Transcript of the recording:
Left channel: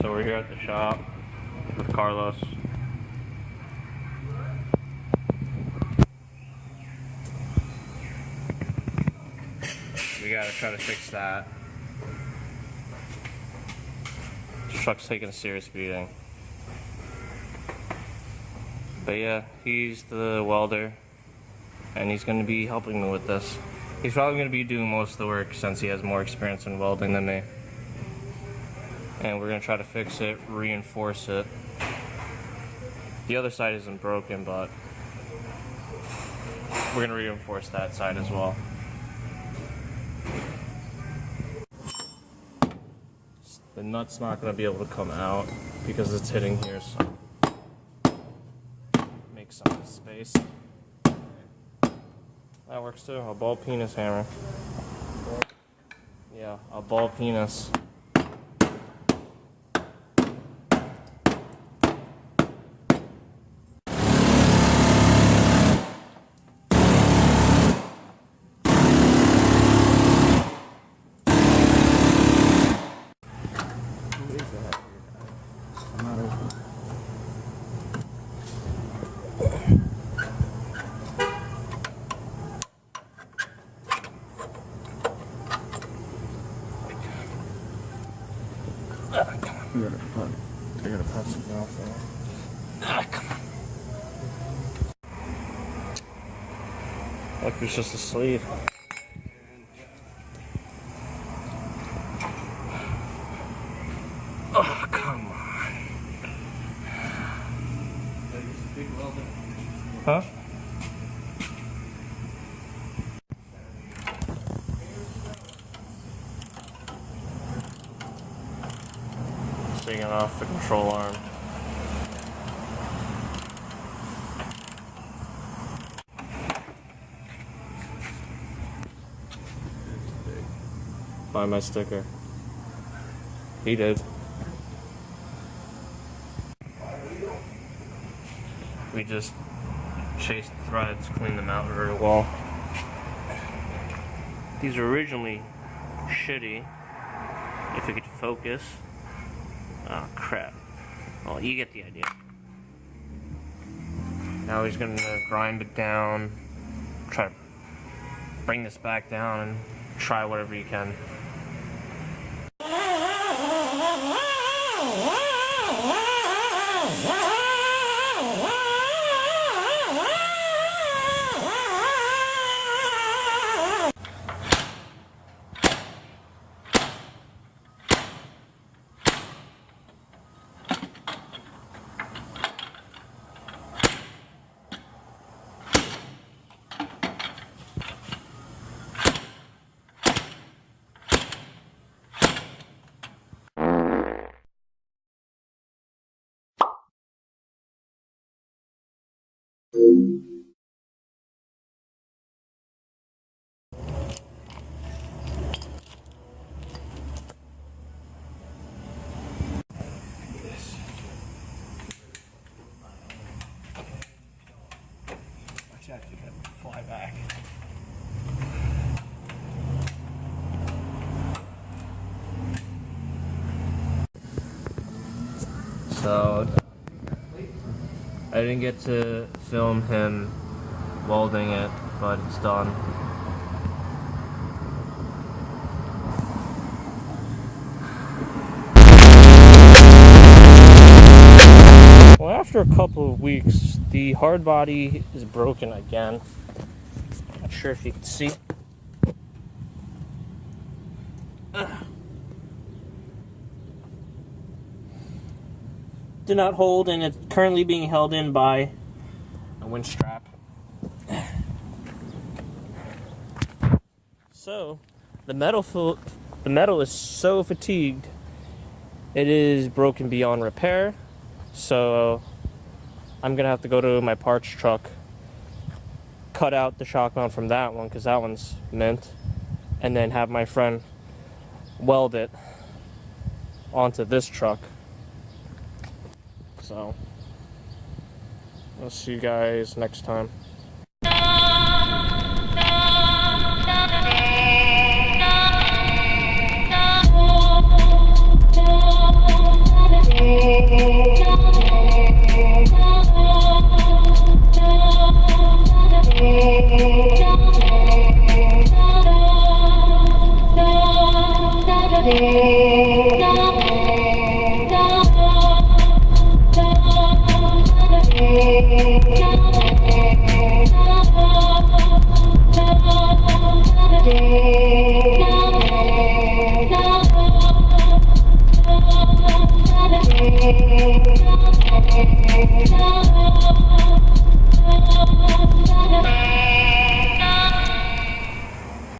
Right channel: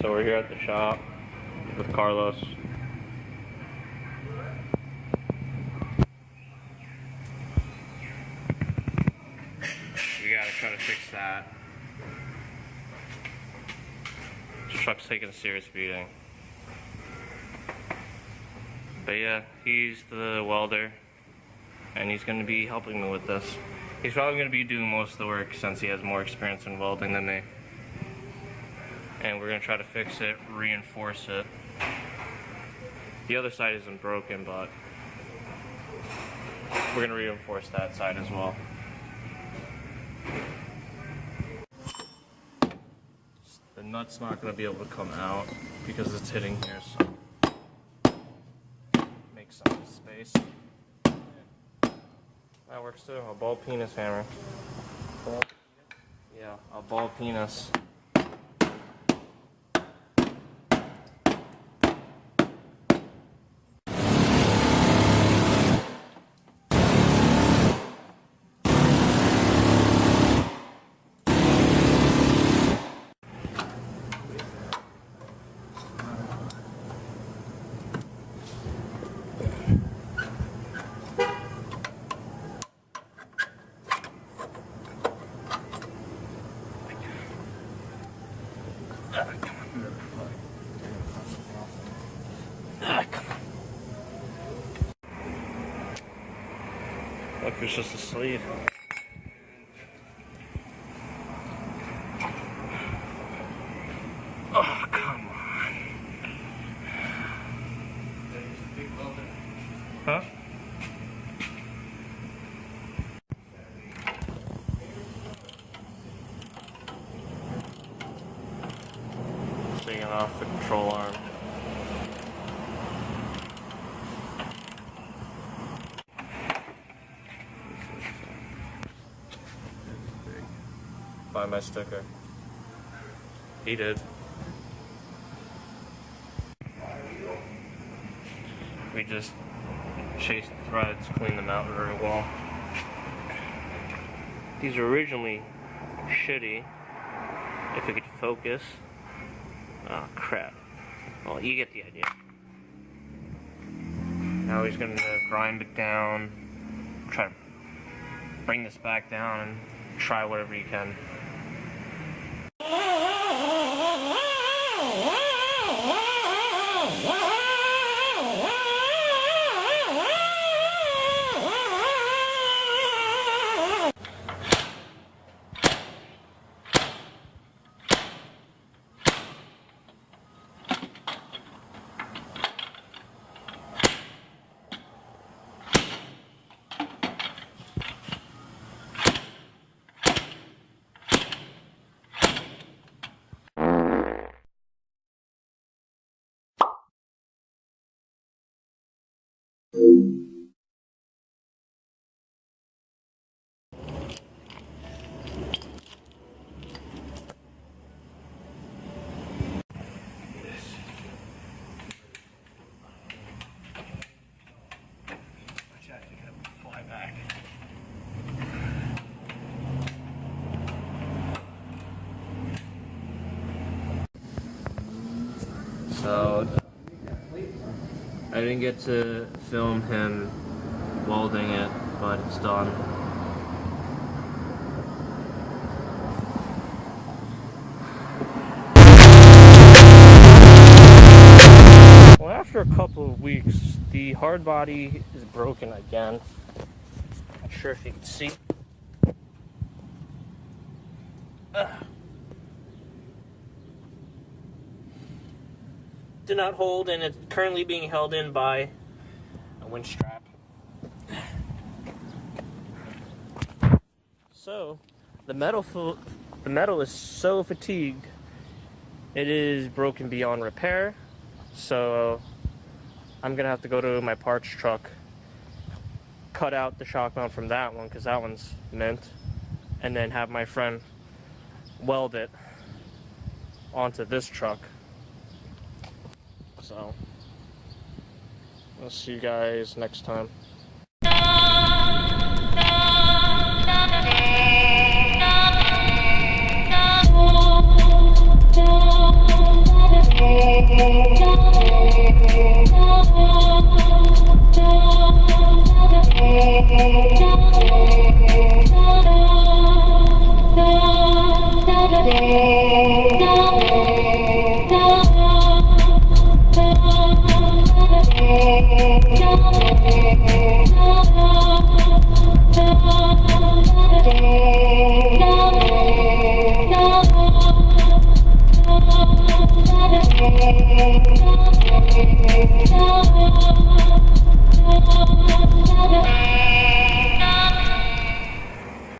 So we're here at the shop with Carlos. We gotta try to fix that. This truck's taking a serious beating. But yeah, he's the welder, and he's gonna be helping me with this. He's probably gonna be doing most of the work since he has more experience in welding than me. And we're gonna try to fix it, reinforce it. The other side isn't broken, but we're gonna reinforce that side as well. The nut's not gonna be able to come out because it's hitting here, so make some space. That works too. A ball penis hammer. Yeah, a ball penis. You're gonna pop something off there. Come on. Look, it's just a sleeve. Oh, come on. Huh? Taking off the control arm. Find my sticker. He did. We just chased threads, cleaned them out very well. These were originally shitty. If we could focus. Oh crap. Well, you get the idea. Now he's gonna grind it down, try to bring this back down, and try whatever he can. Fly back. So I didn't get to film him welding it, but it's done. Well, after a couple of weeks, the hard body is broken again. Not sure if you can see. Did not hold, and it's currently being held in by a winch strap. So, the metal is so fatigued, it is broken beyond repair. So, I'm gonna have to go to my parts truck, cut out the shock mount from that one because that one's mint, and then have my friend weld it onto this truck. So, I'll see you guys next time.